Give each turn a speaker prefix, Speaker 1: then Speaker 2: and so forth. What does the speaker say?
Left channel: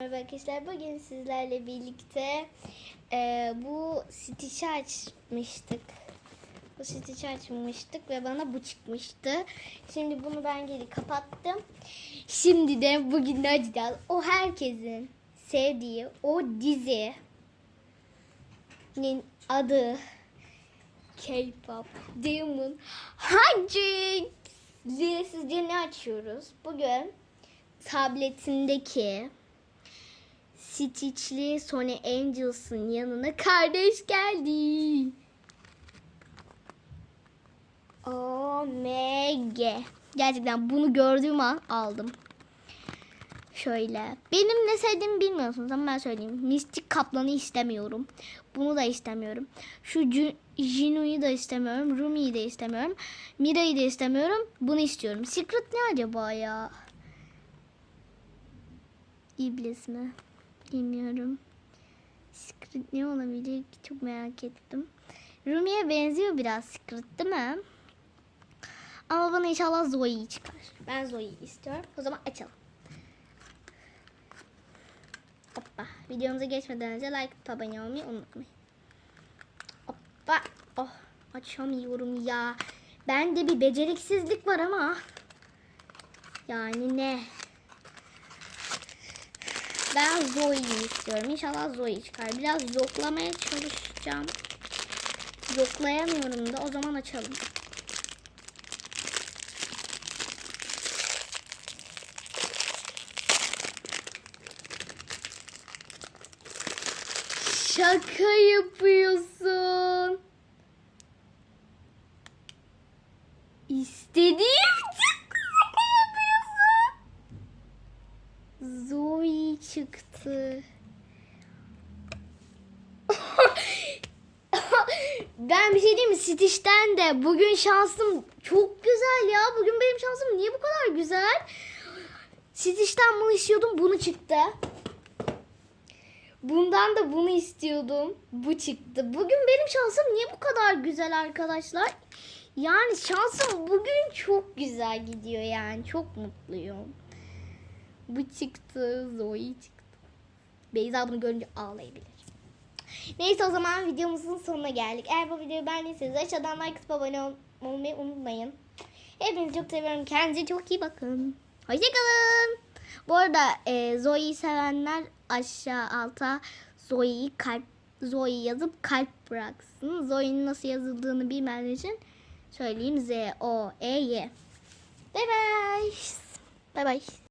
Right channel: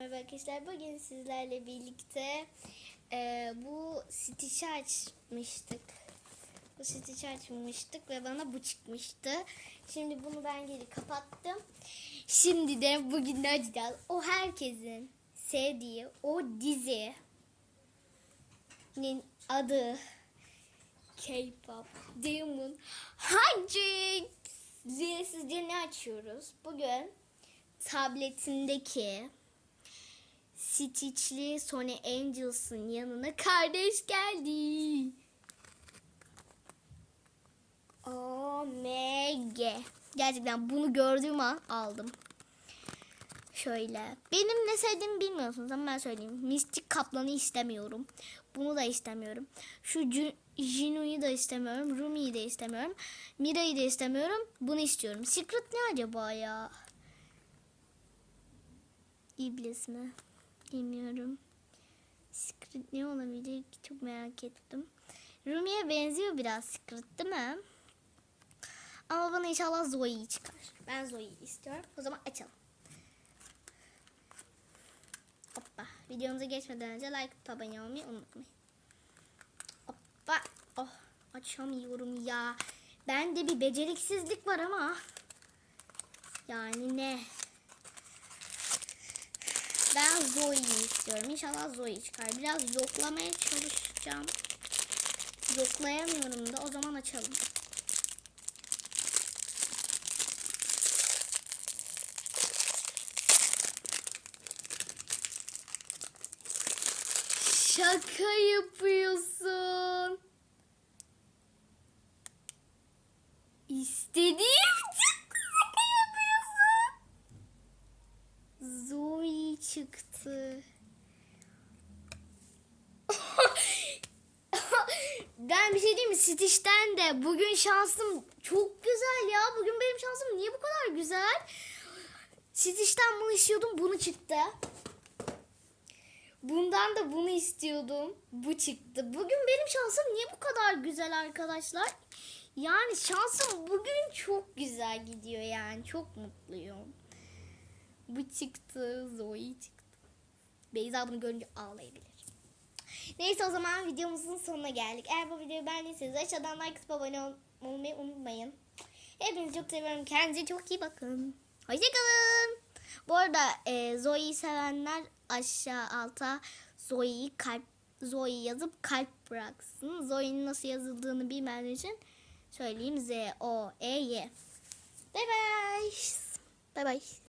Speaker 1: Merhaba arkadaşlar bugün sizlerle birlikte e, bu Stitch'i açmıştık. Bu Stitch'i açmıştık ve bana bu çıkmıştı. Şimdi bunu ben geri kapattım. Şimdi de bugün ne açacağız? O herkesin sevdiği o dizinin adı K-pop Demon Hunter. Sizce ne açıyoruz? Bugün tabletindeki Stitch'li Sony Angels'ın yanına kardeş geldi. OMG. Gerçekten bunu gördüğüm an aldım. Şöyle. Benim ne sevdiğimi bilmiyorsunuz ama ben söyleyeyim. Mistik Kaplan'ı istemiyorum. Bunu da istemiyorum. Şu Jinu'yu da istemiyorum. Rumi'yi de istemiyorum. Mira'yı da istemiyorum. Bunu istiyorum. Secret ne acaba ya? İblis mi? Bilmiyorum. Secret ne olabilir ki çok merak ettim. Rumi'ye benziyor biraz Secret değil mi? Ama bana inşallah Zoe'yi çıkar. Ben Zoe'yi istiyorum. O zaman açalım. Hoppa. Videomuza geçmeden önce like abone olmayı unutmayın. Hoppa. Oh açamıyorum ya. Bende bir beceriksizlik var ama. Yani ne? Ben Zoe'yi istiyorum. İnşallah Zoe çıkar. Biraz zoklamaya çalışacağım. Zoklayamıyorum da o zaman açalım. Şaka yapıyorsun. İstediğim çıktı. Şaka yapıyorsun. Zoe çıktı. ben bir şey diyeyim mi? Stitch'ten de bugün şansım çok güzel ya. Bugün benim şansım niye bu kadar güzel? Stitch'ten bunu istiyordum. Bunu çıktı. Bundan da bunu istiyordum. Bu çıktı. Bugün benim şansım niye bu kadar güzel arkadaşlar? Yani şansım bugün çok güzel gidiyor yani. Çok mutluyum. Bu çıktı. Zoe çıktı. Beyza bunu görünce ağlayabilir. Neyse o zaman videomuzun sonuna geldik. Eğer bu videoyu beğendiyseniz aşağıdan like atıp abone ol- olmayı unutmayın. Hepinizi çok seviyorum. Kendinize çok iyi bakın. Hoşçakalın. Bu arada e, Zoe'yi sevenler aşağı alta Zoe'yi kalp Zoe yazıp kalp bıraksın. Zoe'nin nasıl yazıldığını bilmeyen için söyleyeyim. Z O E Y. Bye bye. Bye bye.